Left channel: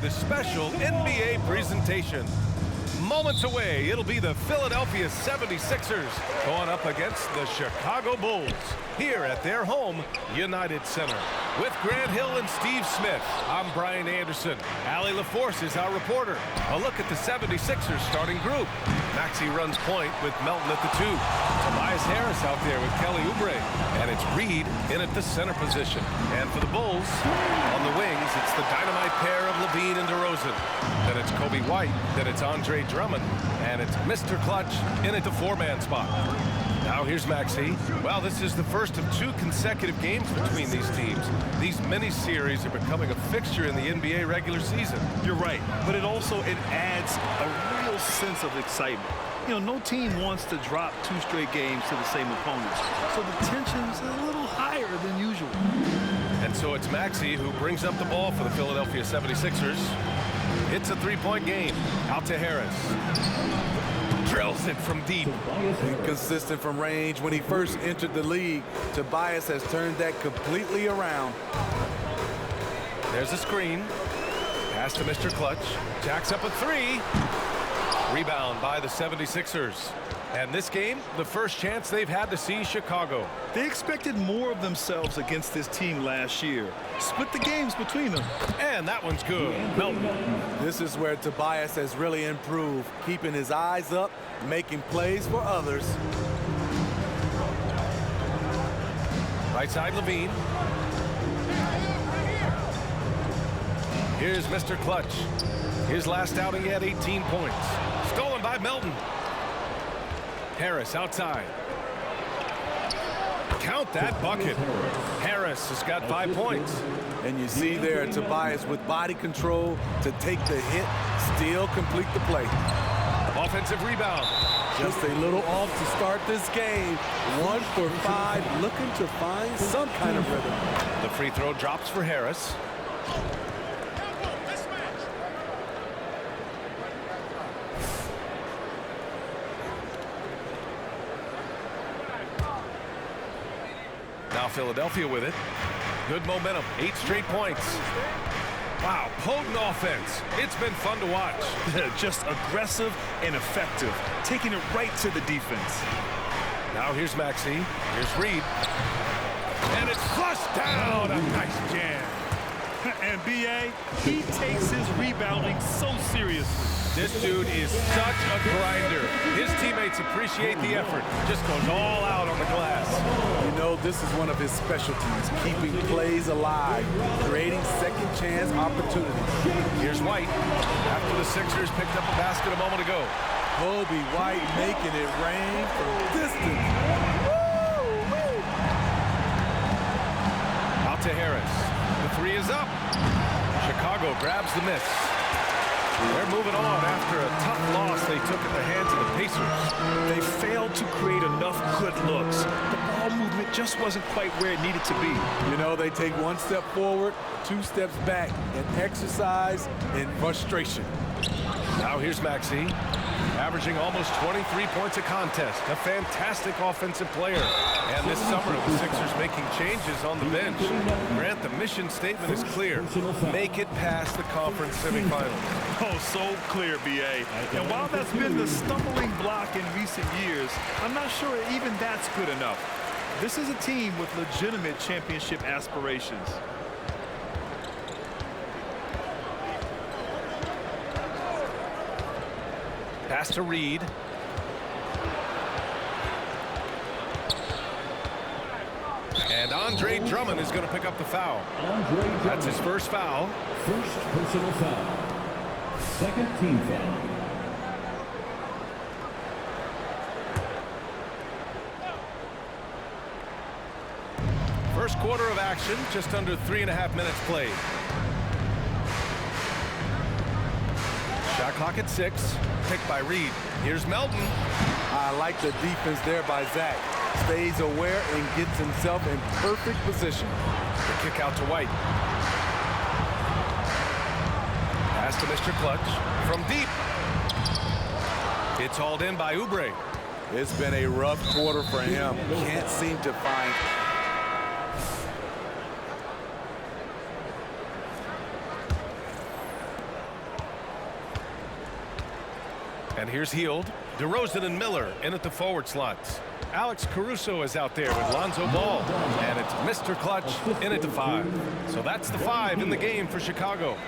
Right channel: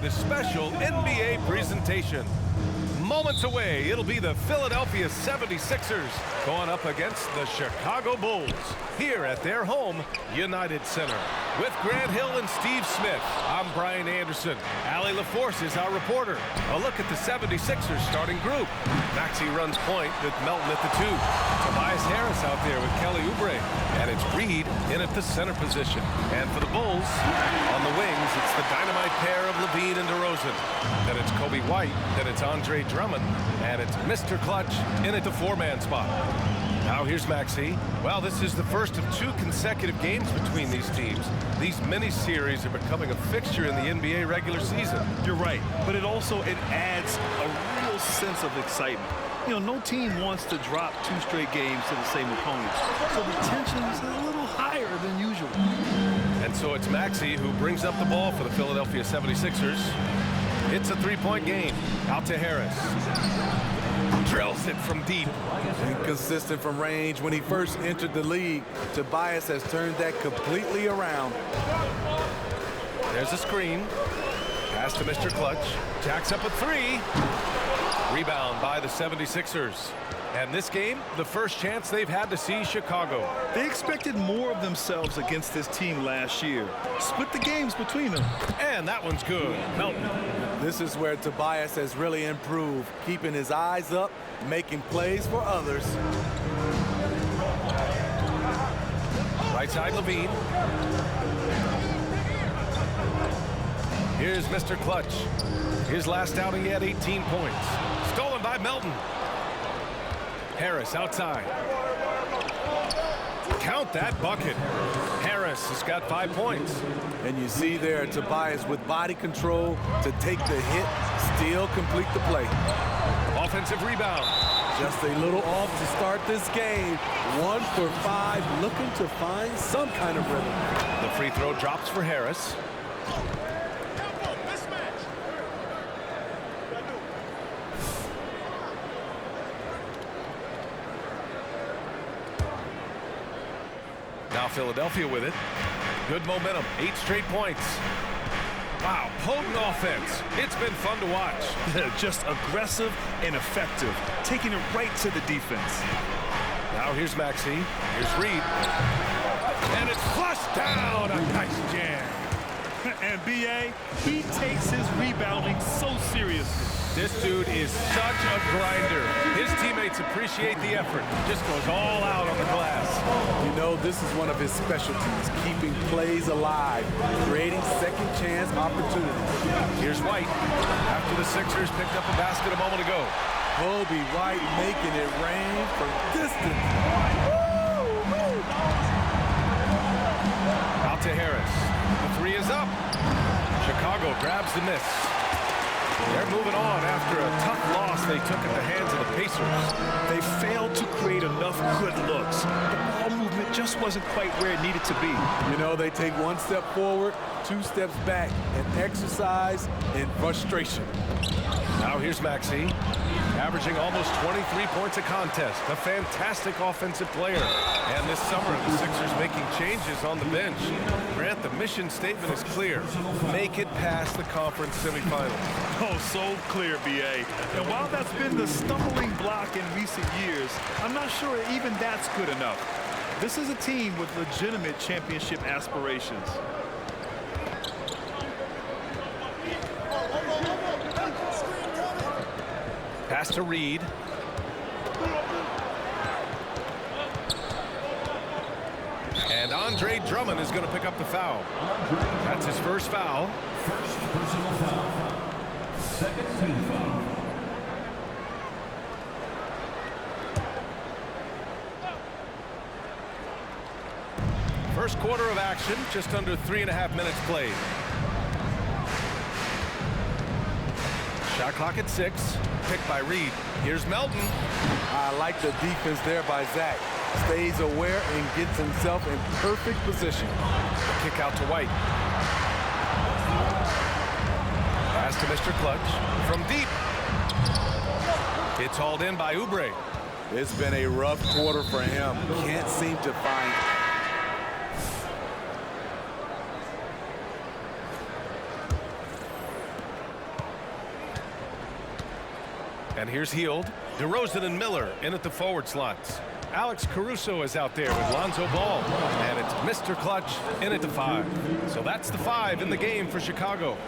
The special NBA presentation. Moments away, it'll be the Philadelphia 76ers going up against the Chicago Bulls here at their home, United Center. With Grant Hill and Steve Smith, I'm Brian Anderson. Allie LaForce is our reporter. A look at the 76ers starting group. Maxey runs point with Melton at the 2. Tobias Harris out there with Kelly Oubre. And it's Reed in at the center position. And for the Bulls, on the wings, it's the dynamite pair of Levine and DeRozan. Then it's Kobe White, then it's Andre Drummond, and it's Mr. Clutch in at the 4-man spot. Now here's Maxey. Well, this is the first of 2 consecutive games between these teams. These mini-series are becoming a fixture in the NBA regular season. You're right, but it adds a real sense of excitement. You know, no team wants to drop 2 straight games to the same opponent, so the tension's a little higher than usual. And so it's Maxey who brings up the ball for the Philadelphia 76ers. It's a 3-point game. Out to Harris. Drills it from deep. Inconsistent from range. When he first entered the league, Tobias has turned that completely around. There's a screen. Pass to Mr. Clutch. Jacks up a 3. Rebound by the 76ers. And this game, the first chance they've had to see Chicago. They expected more of themselves against this team last year. Split the games between them. And that one's good. Melton. This is where Tobias has really improved, keeping his eyes up, making plays for others. Right side, Levine. Here's Mr. Clutch. His last outing, he had 18 points. Stolen by Melton. Harris outside. Count that bucket. Harris has got 5 points. And you see there Tobias with body control to take the hit, still complete the play. Offensive rebound. Just a little off to start this game. 1 for 5, looking to find some kind of rhythm. The free throw drops for Harris. Now Philadelphia with it. Good momentum, 8 straight points. Wow, potent offense. It's been fun to watch. Just aggressive and effective, taking it right to the defense. Now here's Maxey. Here's Reed. And it's flushed down. A nice jam. And B.A., he takes his rebounding so seriously. This dude is such a grinder. His teammates appreciate the effort. Just goes all out on the glass. You know, this is one of his specialties, keeping plays alive, creating second chance opportunities. Here's White. After the Sixers picked up a basket a moment ago. Kobe White making it rain from distance. Woo! Out to Harris. The 3 is up. Chicago grabs the miss. They're moving on after a tough loss they took at the hands of the Pacers. They failed to create enough good looks. The ball movement just wasn't quite where it needed to be. You know, they take 1 step forward, 2 steps back, and exercise in frustration. Now here's Maxey, averaging almost 23 points a contest. A fantastic offensive player. And this summer, the Sixers making changes on the bench. Grant, the mission statement is clear. Make it past the conference semifinals. Oh, so clear, B.A. And while that's been the stumbling block in recent years, I'm not sure even that's good enough. This is a team with legitimate championship aspirations. Pass to Reed. And Andre Drummond is going to pick up the foul. That's his first foul. First personal foul. Second team foul. First quarter of action, just under 3.5 minutes played. Shot clock at 6. Picked by Reed. Here's Melton. I like the defense there by Zach. Stays aware and gets himself in perfect position. The kick out to White. Pass to Mr. Clutch. From deep. It's hauled in by Oubre. It's been a rough quarter for him. Can't seem to find... And here's Hield, DeRozan and Miller in at the forward slots. Alex Caruso is out there with Lonzo Ball. And it's Mr. Clutch in at the 5. So that's the 5 in the game for Chicago.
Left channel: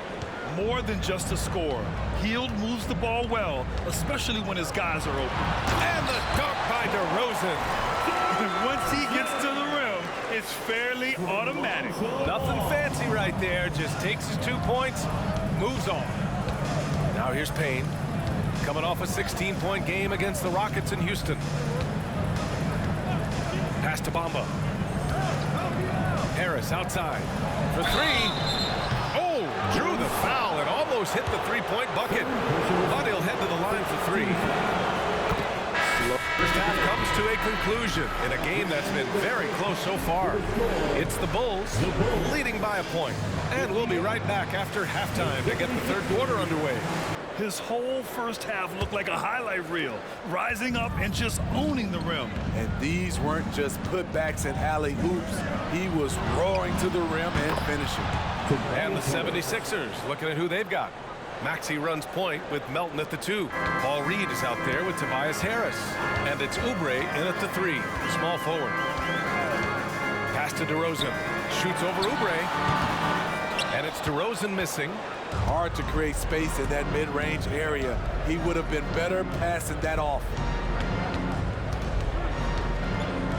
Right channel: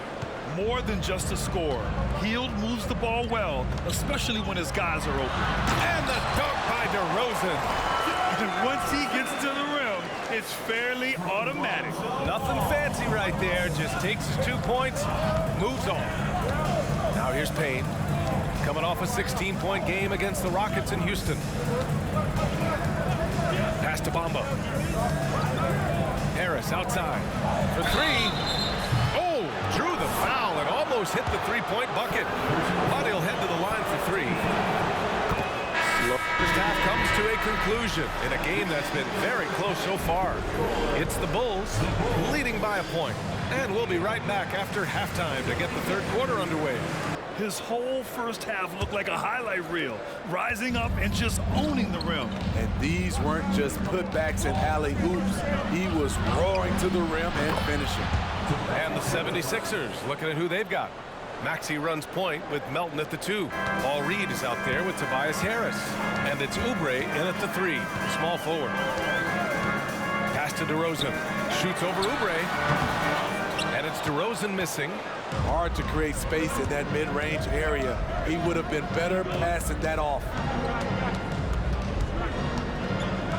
More than just a score. Hield moves the ball well, especially when his guys are open. And the dunk by DeRozan. Once he gets to the rim, it's fairly automatic. Nothing fancy right there. Just takes his 2 points, moves on. Now here's Payne, coming off a 16-point game against the Rockets in Houston. Pass to Bamba. Harris outside for 3. Oh, drew the foul and almost hit the 3-point bucket. But he'll head to the line for 3. First half comes to a conclusion in a game that's been very close so far. It's the Bulls leading by a point. And we'll be right back after halftime to get the third quarter underway. His whole first half looked like a highlight reel, rising up and just owning the rim. And these weren't just putbacks and alley-oops. He was roaring to the rim and finishing. And the 76ers looking at who they've got. Maxey runs point with Melton at the 2. Paul Reed is out there with Tobias Harris. And it's Oubre in at the 3, small forward. Pass to DeRozan. Shoots over Oubre. And it's DeRozan missing. Hard to create space in that mid-range area. He would have been better passing that off.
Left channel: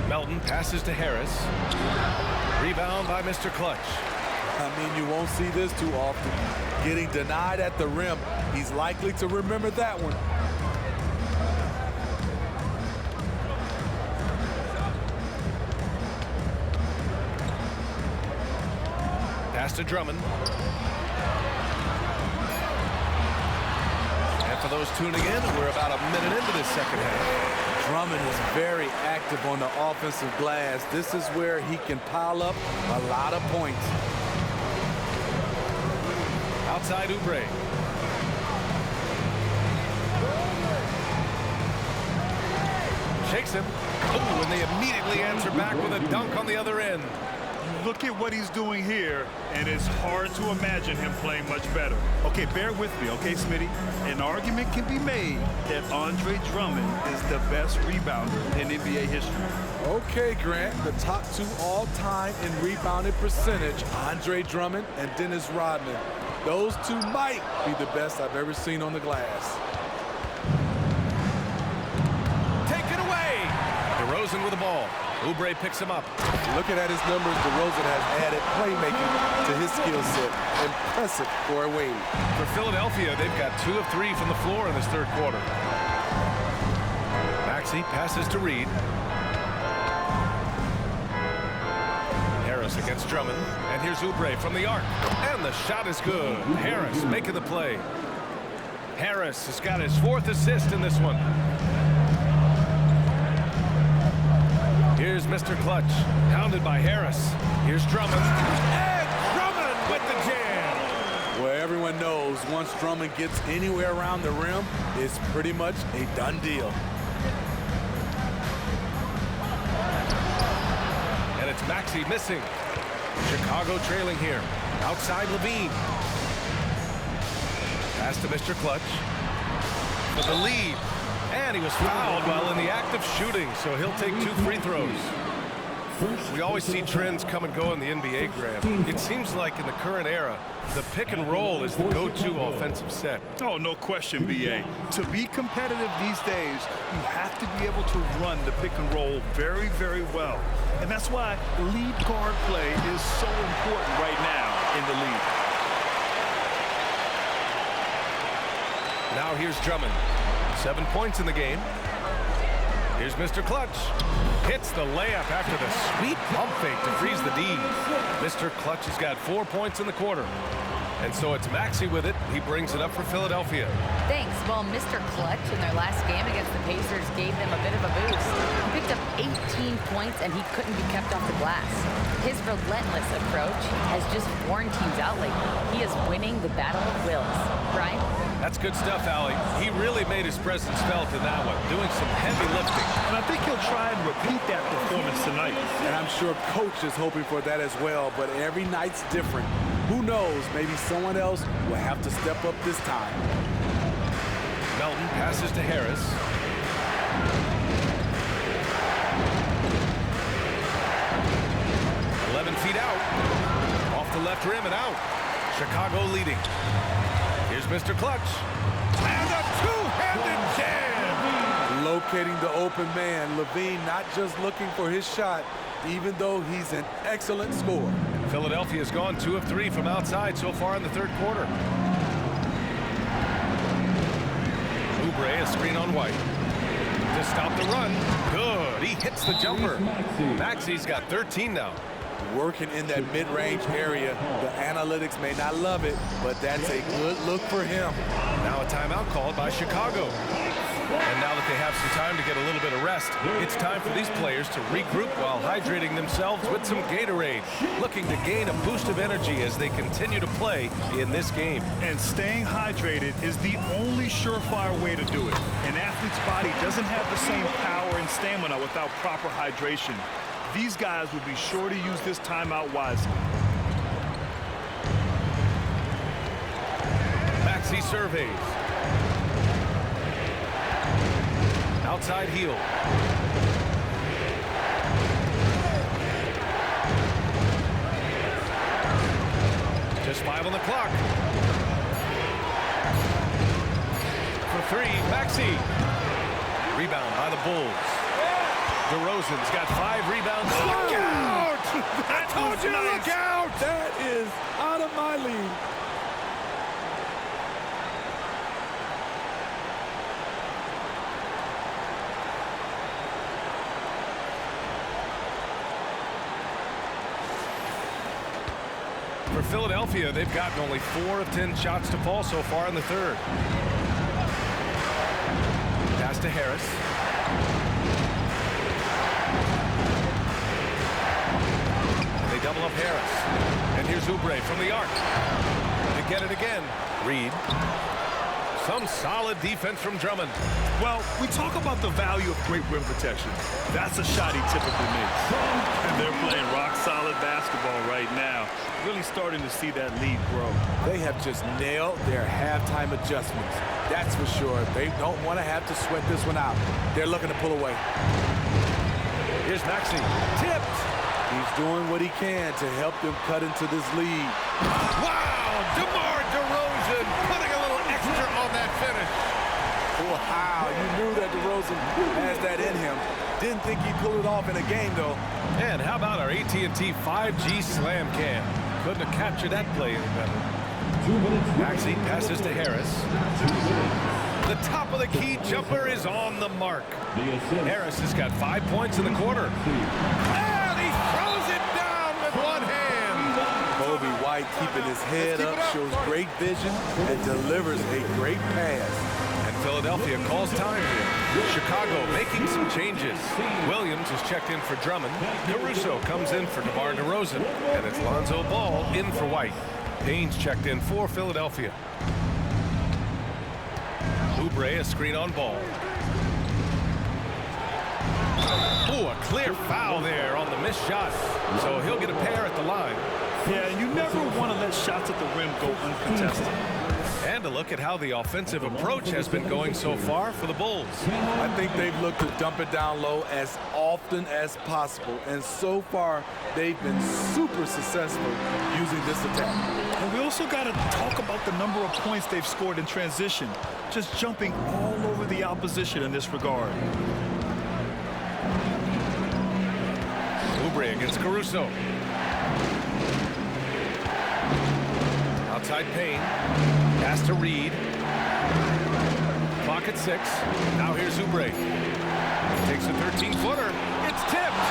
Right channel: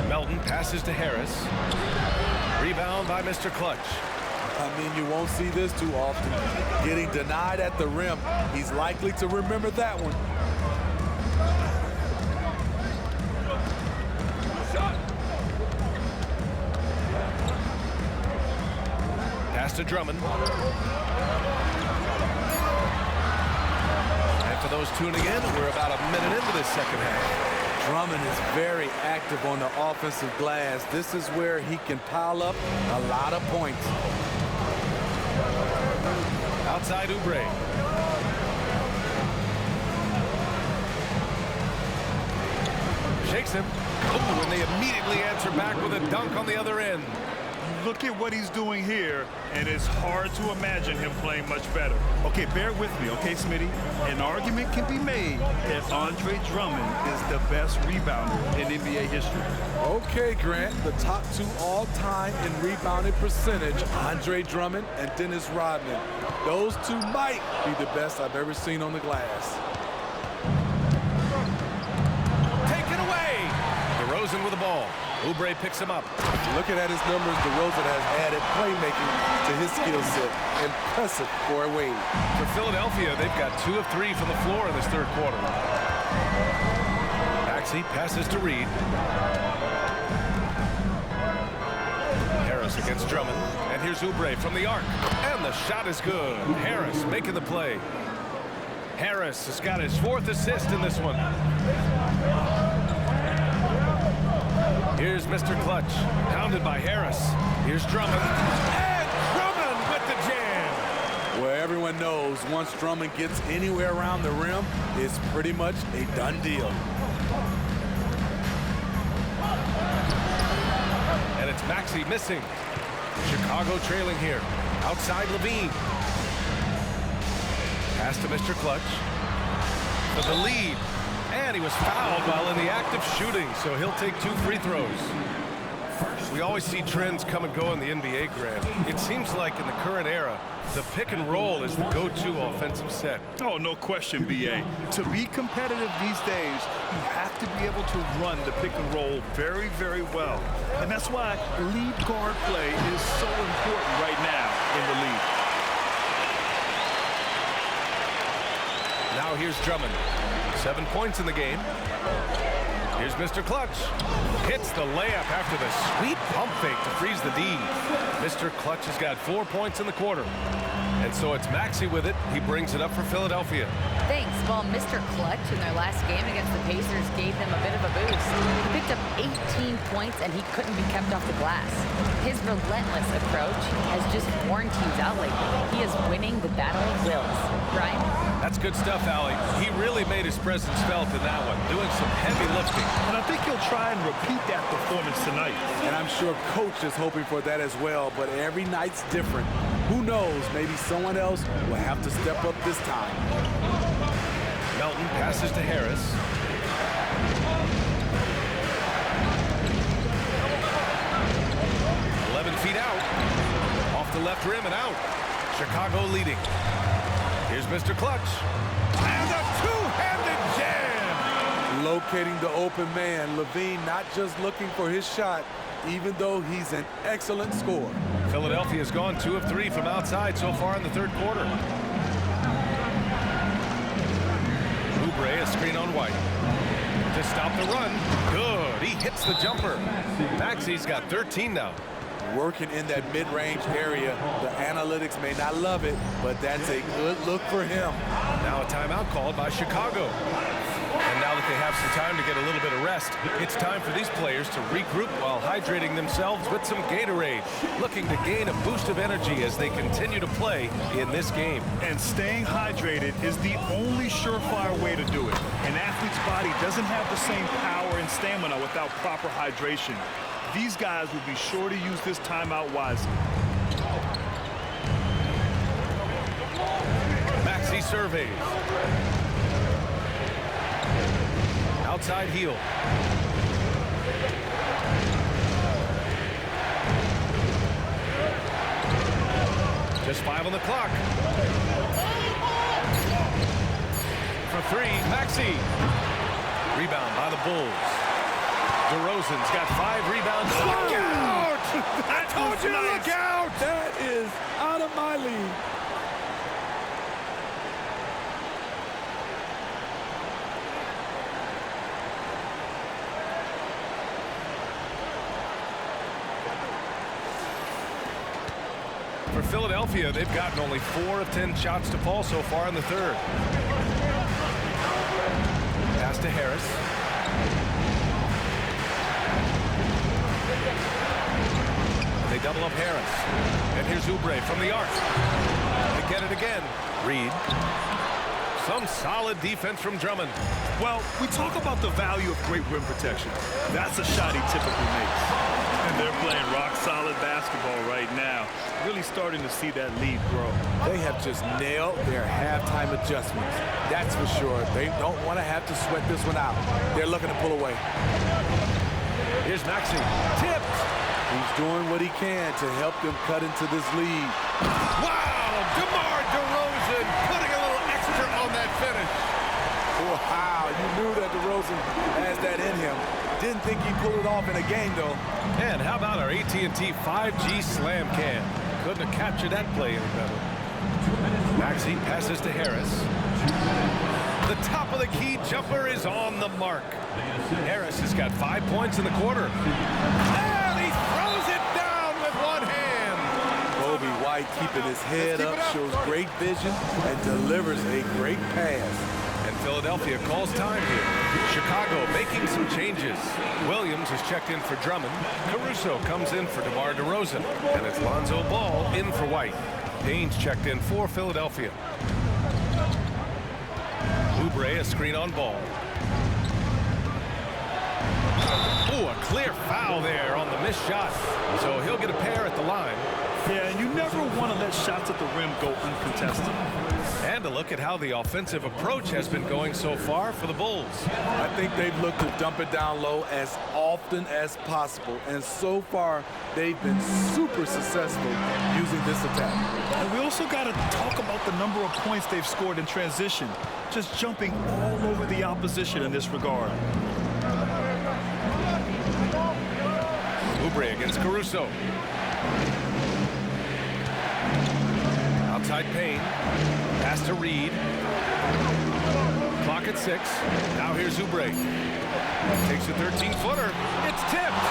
Melton passes to Harris. Rebound by Mr. Clutch. I mean, you won't see this too often. Getting denied at the rim. He's likely to remember that one. Pass to Drummond. And for those tuning in, we're about a minute into this second half. Drummond is very active on the offensive glass. This is where he can pile up a lot of points. Outside Oubre. Shakes him. Oh, and they immediately answer back with a dunk on the other end. You look at what he's doing here, and it's hard to imagine him playing much better. Okay, bear with me, okay, Smitty? An argument can be made that Andre Drummond is the best rebounder in NBA history. Okay, Grant, the top 2 all-time in rebounding percentage, Andre Drummond and Dennis Rodman. Those 2 might be the best I've ever seen on the glass. Taken away. DeRozan with the ball. Oubre picks him up. Looking at his numbers, DeRozan has added playmaking to his skill set. Impressive for a wing. For Philadelphia, they've got 2 of 3 from the floor in this third quarter. Maxey passes to Reed. Harris against Drummond. And here's Oubre from the arc. And the shot is good. Harris making the play. Harris has got his 4th assist in this one. Here's Mr. Clutch, pounded by Harris. Here's Drummond, and Drummond with the jam. Well, everyone knows once Drummond gets anywhere around the rim, it's pretty much a done deal. And it's Maxey missing. Chicago trailing here. Outside Levine. Pass to Mr. Clutch. For the lead. And he was fouled while in the act of shooting, so he'll take 2 free throws. We always see trends come and go in the NBA, Grant. It seems like in the current era, the pick and roll is the go-to offensive set. Oh, no question, B.A. To be competitive these days, you have to be able to run the pick and roll very, very well. And that's why lead guard play is so important right now in the league. Now here's Drummond. 7 points in the game. Here's Mr. Clutch. Hits the layup after the sweet pump fake to freeze the D. Mr. Clutch has got 4 points in the quarter. And so it's Maxey with it. He brings it up for Philadelphia. Thanks. Well, Mr. Clutch in their last game against the Pacers gave them a bit of a boost. He picked up 18 points and he couldn't be kept off the glass. His relentless approach has just worn teams out lately. He is winning the battle of wills. Brian? That's good stuff, Allie. He really made his presence felt in that one, doing some heavy lifting. And I think he'll try and repeat that performance tonight. And I'm sure coach is hoping for that as well, but every night's different. Who knows, maybe someone else will have to step up this time. Melton passes to Harris. Feet out, off the left rim and out. Chicago leading. Here's Mr. Clutch. And a two-handed jam. Locating the open man. Levine not just looking for his shot, even though he's an excellent scorer. Philadelphia's gone 2 of 3 from outside so far in the third quarter. Oubre, a screen on White. To stop the run. Good. He hits the jumper. Maxey's got 13 now. Working in that mid-range area. The analytics may not love it, but that's a good look for him. Now a timeout called by Chicago. And now that they have some time to get a little bit of rest, it's time for these players to regroup while hydrating themselves with some Gatorade, looking to gain a boost of energy as they continue to play in this game. And staying hydrated is the only surefire way to do it. An athlete's body doesn't have the same power and stamina without proper hydration. These guys will be sure to use this timeout wisely. Maxey surveys. Outside heel. Just 5 on the clock. For 3, Maxey. Rebound by the Bulls. DeRozan's got 5 rebounds. Look out! I told you to look out! That is out of my league. For Philadelphia, they've gotten only 4 of 10 shots to fall so far in the third. Pass to Harris. They double up Harris. And here's Oubre from the arc. They get it again. Reed. Some solid defense from Drummond. Well, we talk about the value of great rim protection. That's a shot he typically makes. And they're playing rock-solid basketball right now. Really starting to see that lead grow. They have just nailed their halftime adjustments. That's for sure. They don't want to have to sweat this one out. They're looking to pull away. Here's Maxey. Tipped. He's doing what he can to help them cut into this lead. Wow! DeMar DeRozan putting a little extra on that finish. Wow, you knew that DeRozan has that in him. Didn't think he'd pull it off in a game, though. And how about our AT&T 5G slam cam? Couldn't have captured that play any better. Maxey passes to Harris. The top of the key jumper is on the mark. Harris has got 5 points in the quarter. And he throws it down with one hand. Kobe White keeping his head up, shows great vision, and delivers a great pass. And Philadelphia calls time here. Chicago making some changes. Williams is checked in for Drummond. Caruso comes in for DeMar DeRozan. And it's Lonzo Ball in for White. Payne's checked in for Philadelphia. Oubre, a screen on Ball. Ooh, a clear foul there on the missed shot. So he'll get a pair at the line. Yeah, and you never want to let shots at the rim go uncontested. And a look at how the offensive approach has been going so far for the Bulls. I think they've looked to dump it down low as often as possible. And so far, they've been super successful using this attack. And we also got to talk about the number of points they've scored in transition. Just jumping all over the opposition in this regard. Oubre against Caruso. Outside Payne. Pass to Reed. Clock at 6. Now here's Oubre. Takes a 13-footer. It's tipped.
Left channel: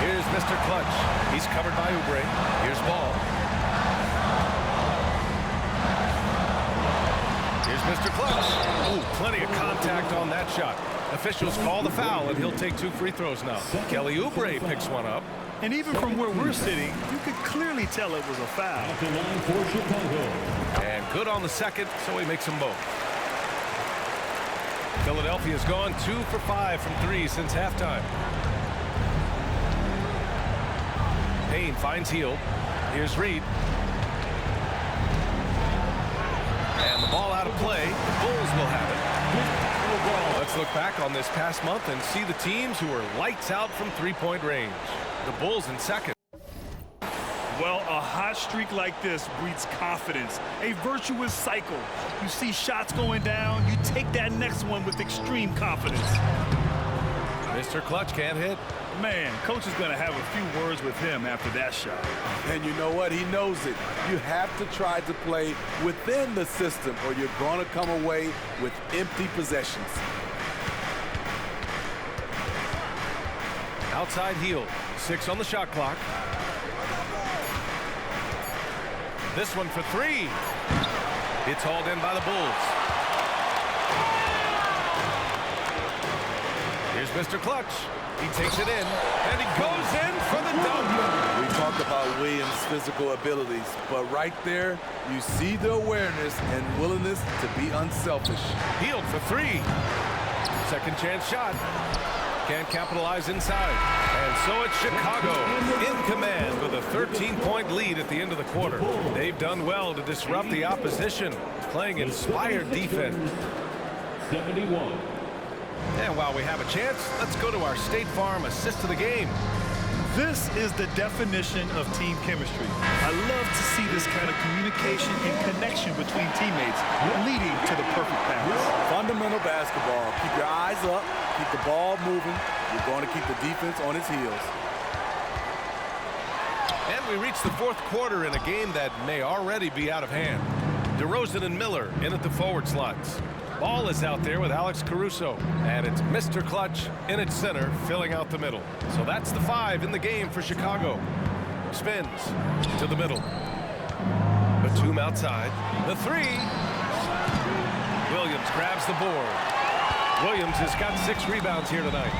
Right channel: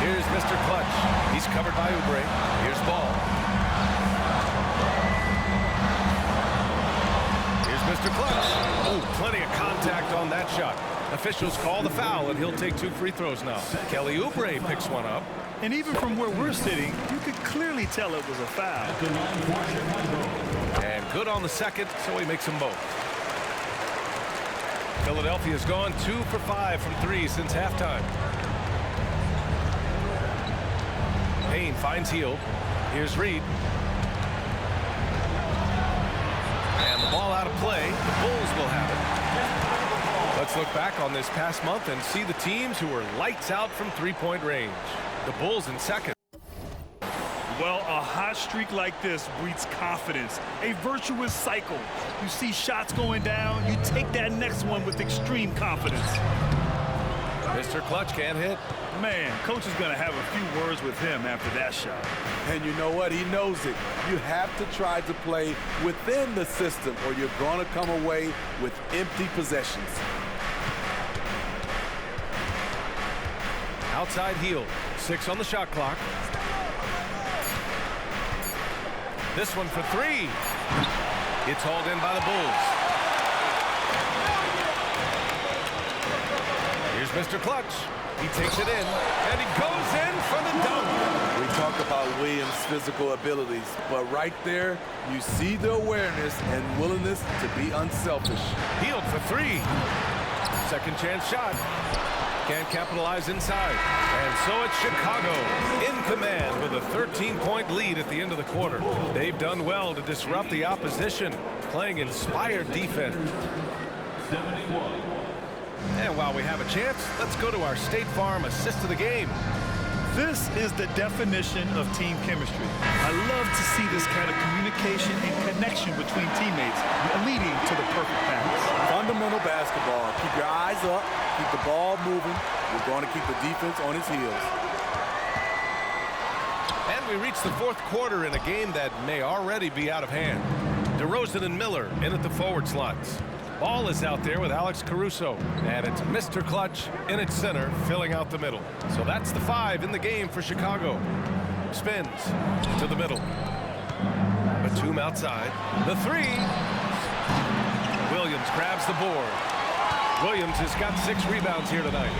Here's Mr. Clutch. He's covered by Oubre. Here's Ball. Here's Mr. Clutch. Ooh, plenty of contact on that shot. Officials call the foul, and he'll take 2 free throws now. Kelly Oubre picks one up. And even from where we're sitting, you could clearly tell it was a foul. And good on the second, so he makes them both. Philadelphia's gone 2 for 5 from 3 since halftime. Payne finds Hield. Here's Reed. Ball out of play. The Bulls will have it. Let's look back on this past month and see the teams who were lights out from three-point range. The Bulls in second. Well, a hot streak like this breeds confidence, a virtuous cycle. You see shots going down, you take that next one with extreme confidence. Mr. Clutch can't hit. Man, coach is going to have a few words with him after that shot. And you know what? He knows it. You have to try to play within the system or you're going to come away with empty possessions. Outside heel. 6 on the shot clock. This one for 3. It's hauled in by the Bulls. Here's Mr. Clutch. He takes it in, and he goes in for the dunk. We talk about Williams' physical abilities, but right there, you see the awareness and willingness to be unselfish. Healed for 3. Second chance shot. Can't capitalize inside. And so it's Chicago in command with a 13-point lead at the end of the quarter. They've done well to disrupt the opposition, playing inspired defense. 71. And while we have a chance, let's go to our State Farm assist of the game. This is the definition of team chemistry. I love to see this kind of communication and connection between teammates leading to the perfect pass. Fundamental basketball. Keep your eyes up, keep the ball moving. You're going to keep the defense on its heels. And we reach the fourth quarter in a game that may already be out of hand. DeRozan and Miller in at the forward slots. Ball is out there with Alex Caruso, and it's Mr. Clutch in its center, filling out the middle. So that's the 5 in the game for Chicago. Spins to the middle. Batum outside. The 3. Williams grabs the board. Williams has got 6 rebounds here tonight.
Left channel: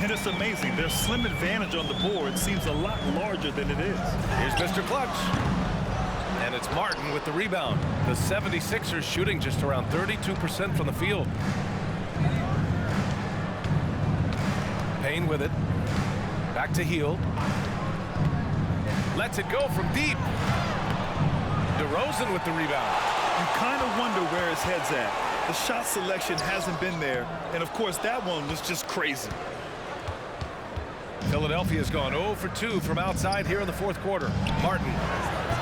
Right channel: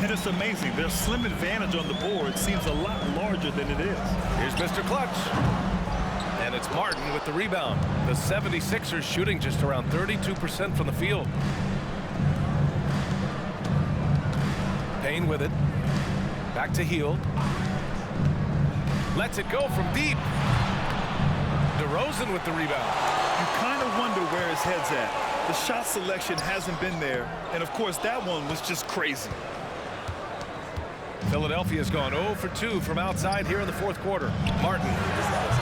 And it's amazing. Their slim advantage on the board seems a lot larger than it is. Here's Mr. Clutch. And it's Martin with the rebound. The 76ers shooting just around 32% from the field. Payne with it. Back to Hield. Lets it go from deep. DeRozan with the rebound. You kind of wonder where his head's at. The shot selection hasn't been there. And, of course, that one was just crazy. Philadelphia's gone 0 for 2 from outside here in the fourth quarter. Martin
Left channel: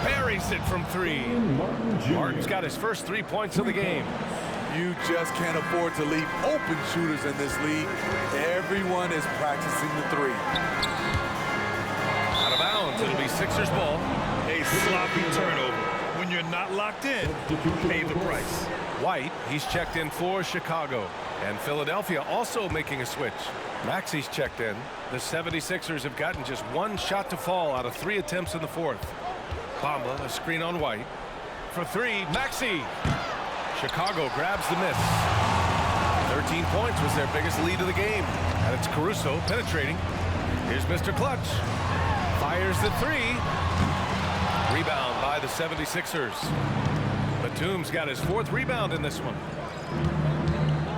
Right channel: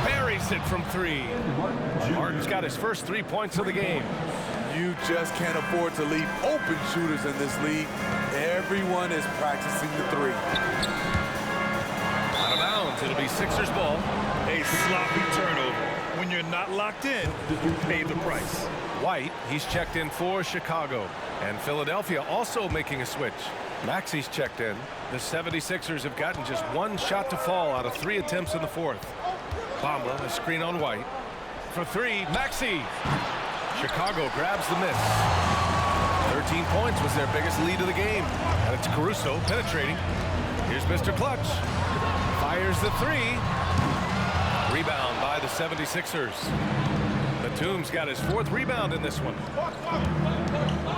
buries it from 3. Martin's got his first 3 points of the game. You just can't afford to leave open shooters in this league. Everyone is practicing the 3. Out of bounds. It'll be Sixers ball. A sloppy turnover. When you're not locked in, you pay the price. White, he's checked in for Chicago. And Philadelphia also making a switch. Maxey's checked in. The 76ers have gotten just 1 shot to fall out of 3 attempts in the fourth. Bamba, a screen on White. For 3, Maxey. Chicago grabs the miss. 13 points was their biggest lead of the game. And it's Caruso penetrating. Here's Mr. Clutch. Fires the 3. Rebound by the 76ers. Batum's got his 4th rebound in this one.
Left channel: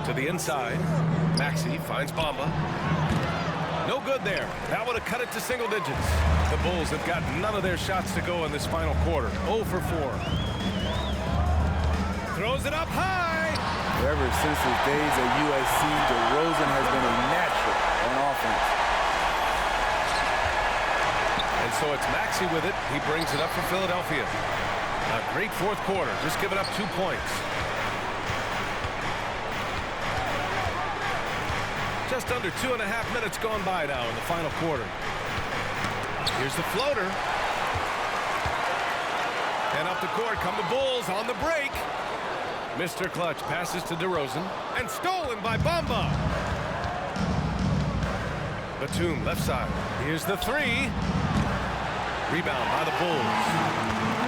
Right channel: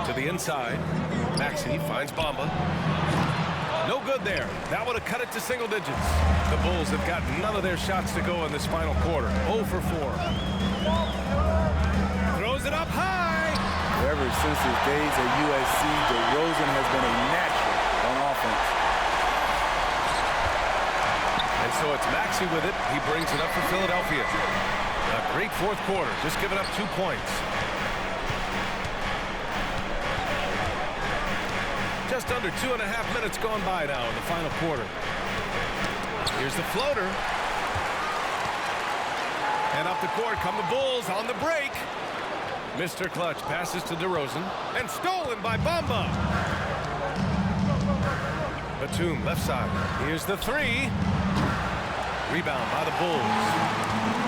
To the inside. Maxey finds Bamba. No good there. That would have cut it to single digits. The Bulls have got none of their shots to go in this final quarter. 0 for 4. Throws it up high. Ever since his days at USC, DeRozan has been a natural on offense. And so it's Maxey with it. He brings it up for Philadelphia. A great fourth quarter. Just giving up 2 points. Just under 2.5 minutes gone by now in the final quarter. Here's the floater. And up the court come the Bulls on the break. Mr. Clutch passes to DeRozan. And stolen by Bamba. Batum left side. Here's the 3. Rebound by the Bulls.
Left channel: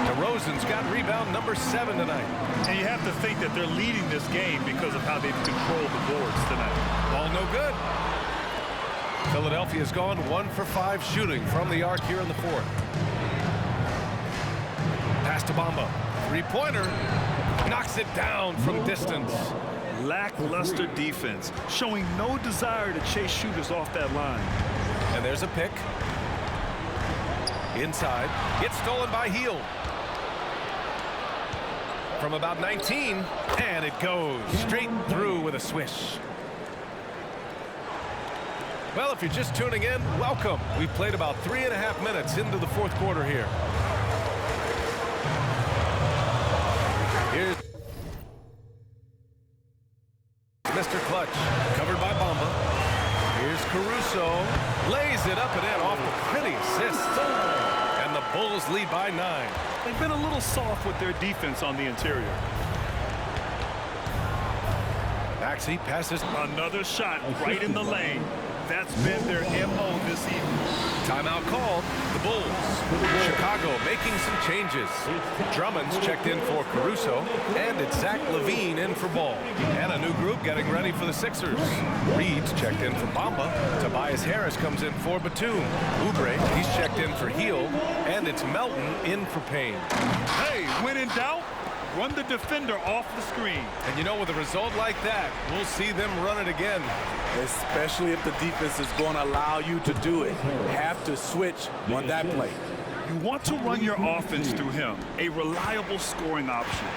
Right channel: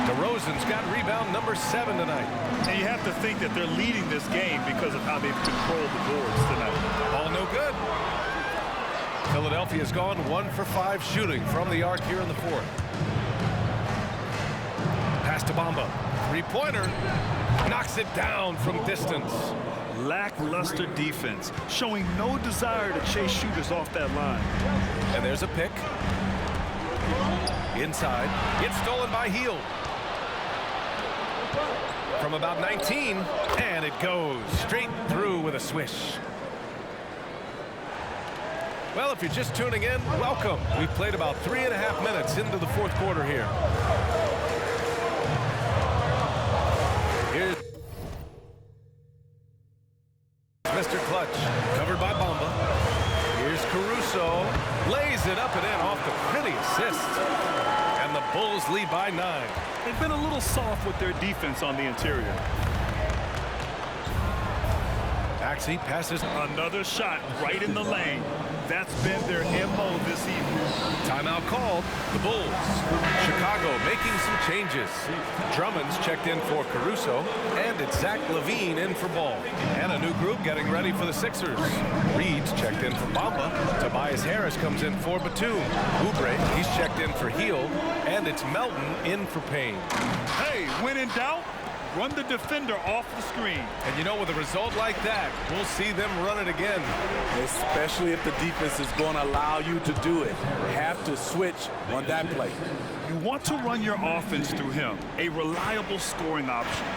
DeRozan's got rebound number 7 tonight. And you have to think that they're leading this game because of how they've controlled the boards tonight. Ball no good. Philadelphia's gone 1 for 5 shooting from the arc here in the fourth. Pass to Bamba. 3-pointer. Knocks it down from distance. Lackluster defense, showing no desire to chase shooters off that line. And there's a pick. Inside. It's stolen by Hield. from about 19, and it goes straight through with a swish. Well, if you're just tuning in, welcome. We've played about 3.5 minutes into the fourth quarter here. Here's Mr. Clutch, covered by Bamba. Here's Caruso, lays it up and in off the pretty assist. And the Bulls lead by 9. They've been a little soft with their defense on the interior. Maxey passes. Another shot right in the lane. That's been their MO this evening. Timeout called. The Bulls. Chicago making some changes. Drummond's checked in for Caruso, and it's Zach LaVine in for Ball. And a new group getting ready for the Sixers. Reed's checked in for Bamba. Tobias Harris comes in for Batum. Oubre, he's checked in for Heel, and it's Melton in for Payne. Hey, when in doubt, run the defender off the screen. And you know, with a result like that, we'll see them run it again. Especially if the defense is going to allow you to do it. Have to switch on that play. You want to run your offense through him, a reliable scoring option.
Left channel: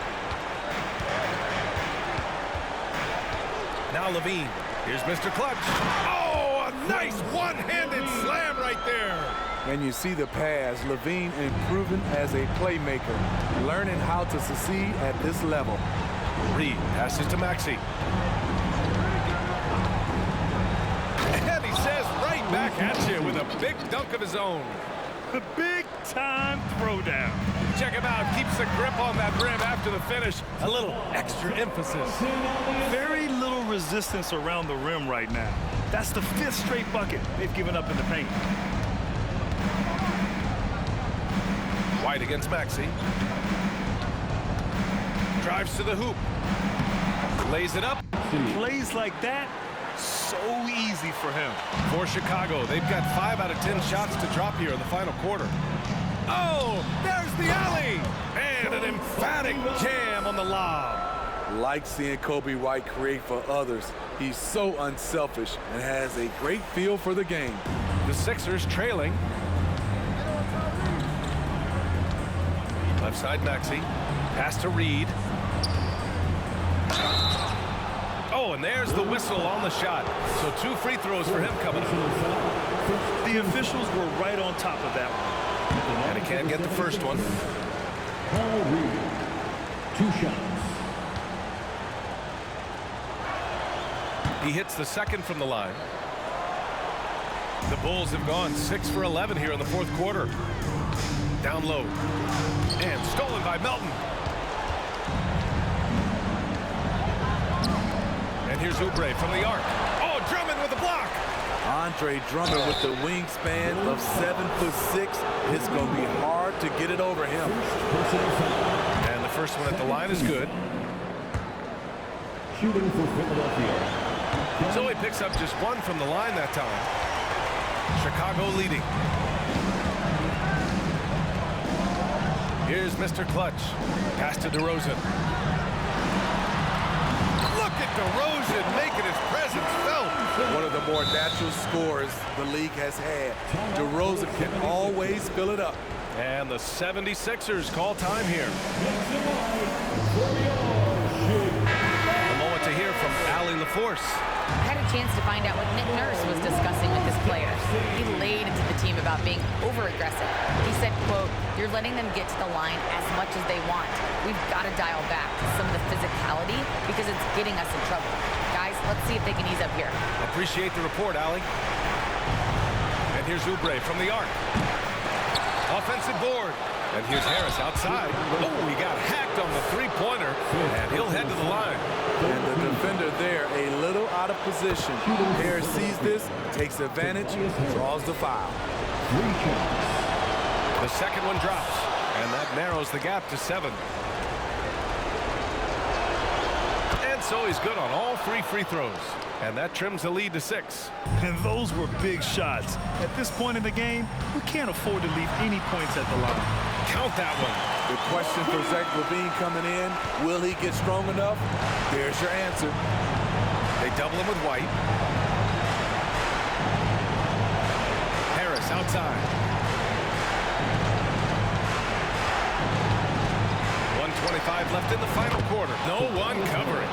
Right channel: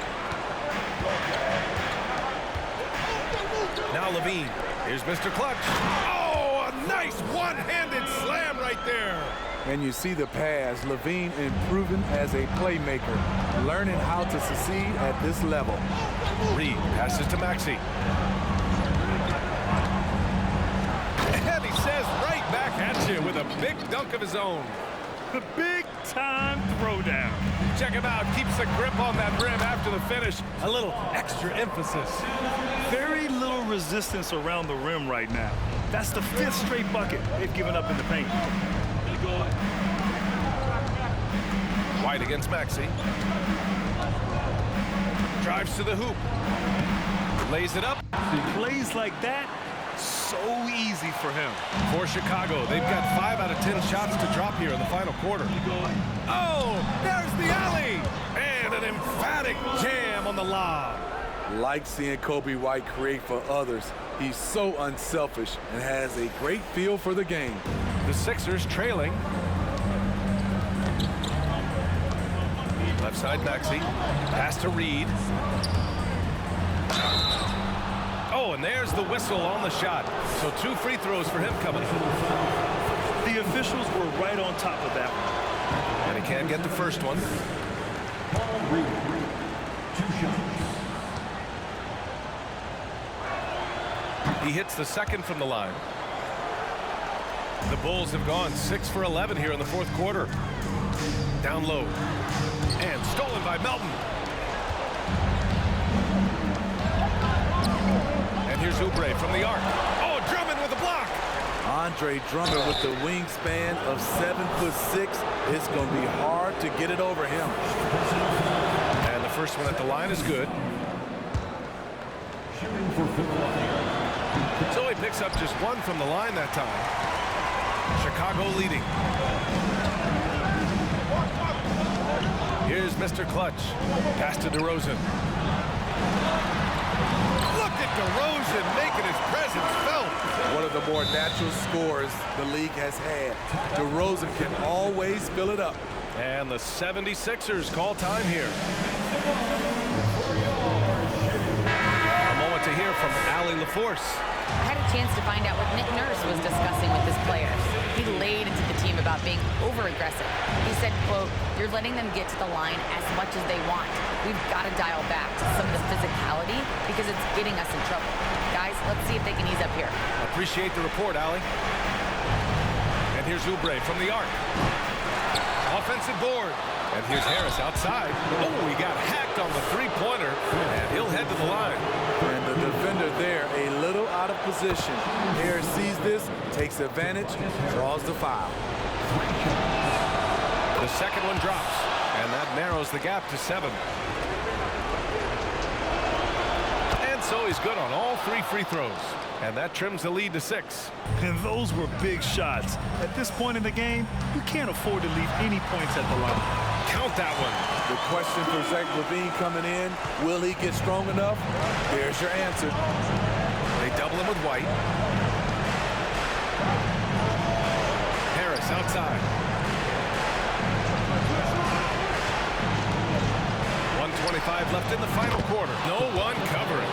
Now LaVine. Here's Mr. Clutch. Oh, a nice one-handed slam right there. And you see the pass. LaVine improving as a playmaker, learning how to succeed at this level. Reed passes to Maxey. And he says right back at you with a big dunk of his own. The big-time throwdown. Check him out. Keeps the grip on that rim after the finish. A little extra emphasis. Very little resistance around the rim right now. That's the 5th straight bucket they've given up in the paint. White against Maxey. Drives to the hoop. Lays it up. Plays like that, so easy for him. For Chicago, they've got 5 out of 10 shots to drop here in the final quarter. Oh, there's the alley. And an emphatic jam on the lob. Like seeing Kobe White create for others. He's so unselfish and has a great feel for the game. The Sixers trailing. Left side Maxey. Pass to Reed. Oh, and there's the whistle on the shot. So 2 free throws for him coming up. The officials were right on top of that one. And he can't get the first one. Paul Reed, 2 shots. He hits the second from the line. The Bulls have gone 6 for 11 here in the fourth quarter. Down low. And stolen by Melton. And here's Oubre from the arc. Oh, Drummond with a block. Andre Drummond with the wingspan of 7'6". It's going to be hard to get it over him. And the first one at the line is good. Shooting for Philadelphia. So he picks up just 1 from the line that time. Chicago leading. Here's Mr. Clutch. Pass to DeRozan. Look at DeRozan making his presence felt. One of the more natural scorers the league has had. DeRozan can always fill it up. And the 76ers call time here. A moment to hear from Allie LaForce. I had a chance to find out what Nick Nurse was discussing with his players. He laid into the team about being over-aggressive. He said, quote, "You're letting them get to the line as much as they want. We've got to dial back to some of the physicality because it's getting us in trouble. Guys, let's see if they can ease up here." Appreciate the report, Allie. And here's Oubre from the arc. Offensive board. And here's Harris outside. Oh, he got hacked on the three-pointer, and he'll head to the line. And the defender there a little out of position. Harris sees this, takes advantage, draws the foul. The second one drops, and that narrows the gap to 7. And so he's good on all 3 free throws. And that trims the lead to 6. And those were big shots. At this point in the game, you can't afford to leave any points at the line. Count that one. The question for Zach LaVine coming in, will he get strong enough? There's your answer. They double him with White. Harris outside. 1:25 left in the final quarter. No one covering.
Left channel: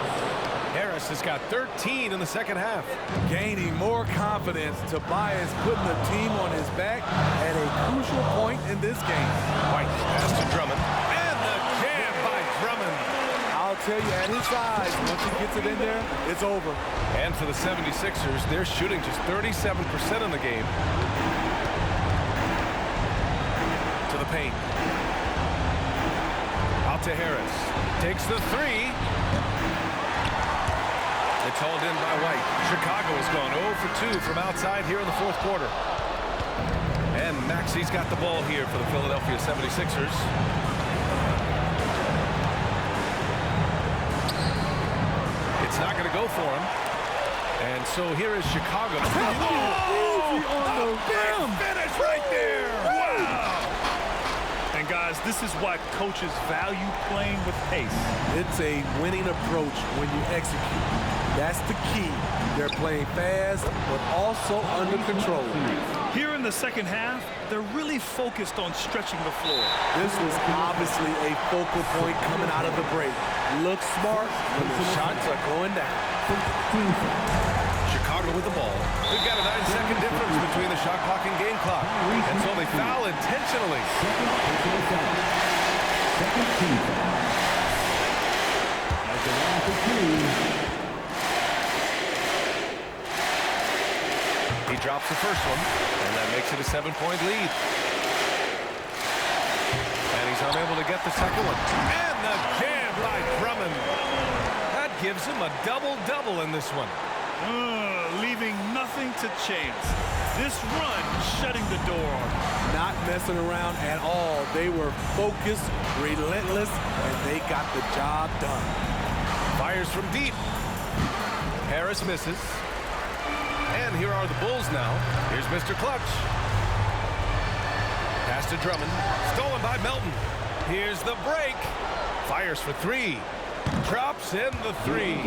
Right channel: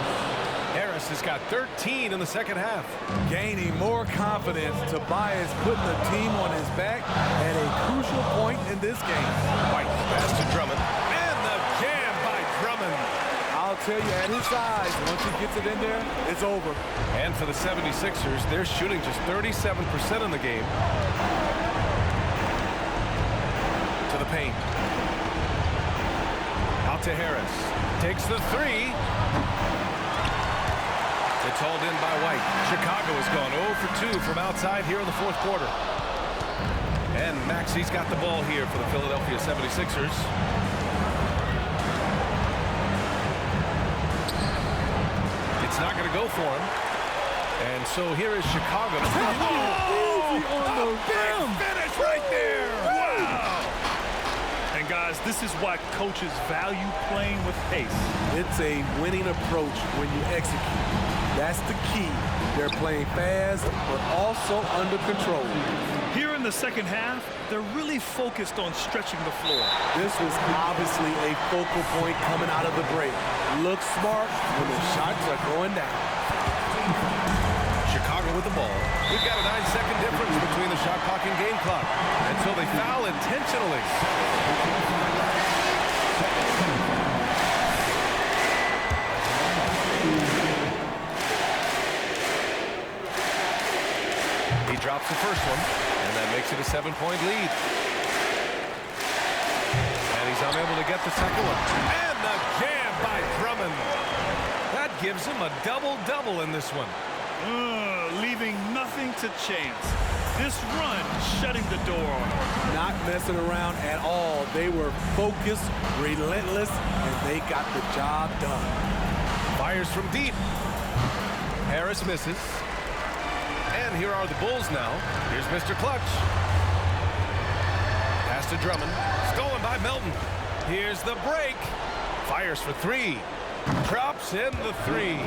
Harris has got 13 in the second half. Gaining more confidence, Tobias putting the team on his back at a crucial point in this game. White pass to Drummond. And the jam by Drummond. I'll tell you, at his size, once he gets it in there, it's over. And for the 76ers, they're shooting just 37% in the game. To the paint. Out to Harris. Takes the three. It's hauled in by White. Chicago has gone 0 for 2 from outside here in the fourth quarter. And Maxey's got the ball here for the Philadelphia 76ers. It's not going to go for him. And so here is Chicago. Oh, on the rim. Finish right there. Wow. And guys, this is why coaches value playing with pace. It's a winning approach when you execute. That's the key. They're playing fast, but also under control. Here in the second half, they're really focused on stretching the floor. This was obviously a focal point coming out of the break. Look smart when the shots are going down. Chicago with the ball. We've got a 9-second difference between the shot clock and game clock. And so they foul intentionally. He drops the first one, and that makes it a 7-point lead. And he's unable to get the second one. And the jam by Drummond. That gives him a double-double in this one. Leaving nothing to chance. This run shutting the door on them. Not messing around at all. They were focused, relentless, and they got the job done. Fires from deep. Harris misses. And here are the Bulls now. Here's Mr. Clutch. Pass to Drummond. Stolen by Melton. Here's the break. Fires for three. Drops in the three.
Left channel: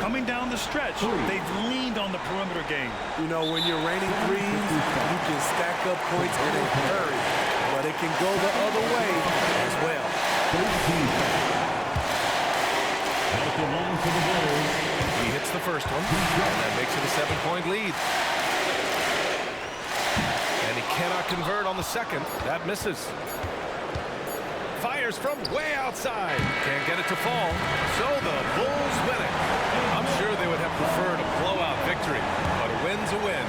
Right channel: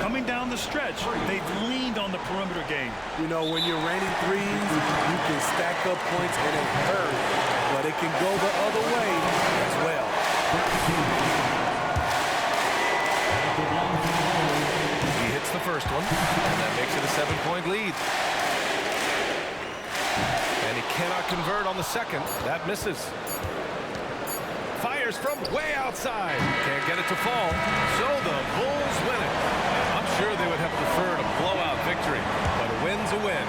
Coming down the stretch, they've leaned on the perimeter game. You know, when you're raining threes, you can stack up points in a hurry, but it can go the other way as well. He hits the first one, and that makes it a 7-point lead. And he cannot convert on the second. That misses. Fires from way outside. Can't get it to fall. So the Bulls win it. I'm sure they would have preferred a blowout victory, but a win's a win.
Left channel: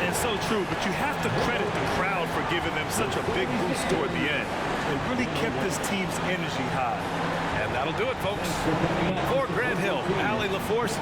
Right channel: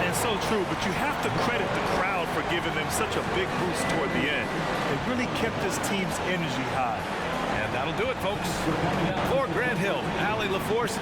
And so true, but you have to credit the crowd for giving them such a big boost toward the end. They really kept this team's energy high. And that'll do it, folks. For Grant Hill, Allie LaForce,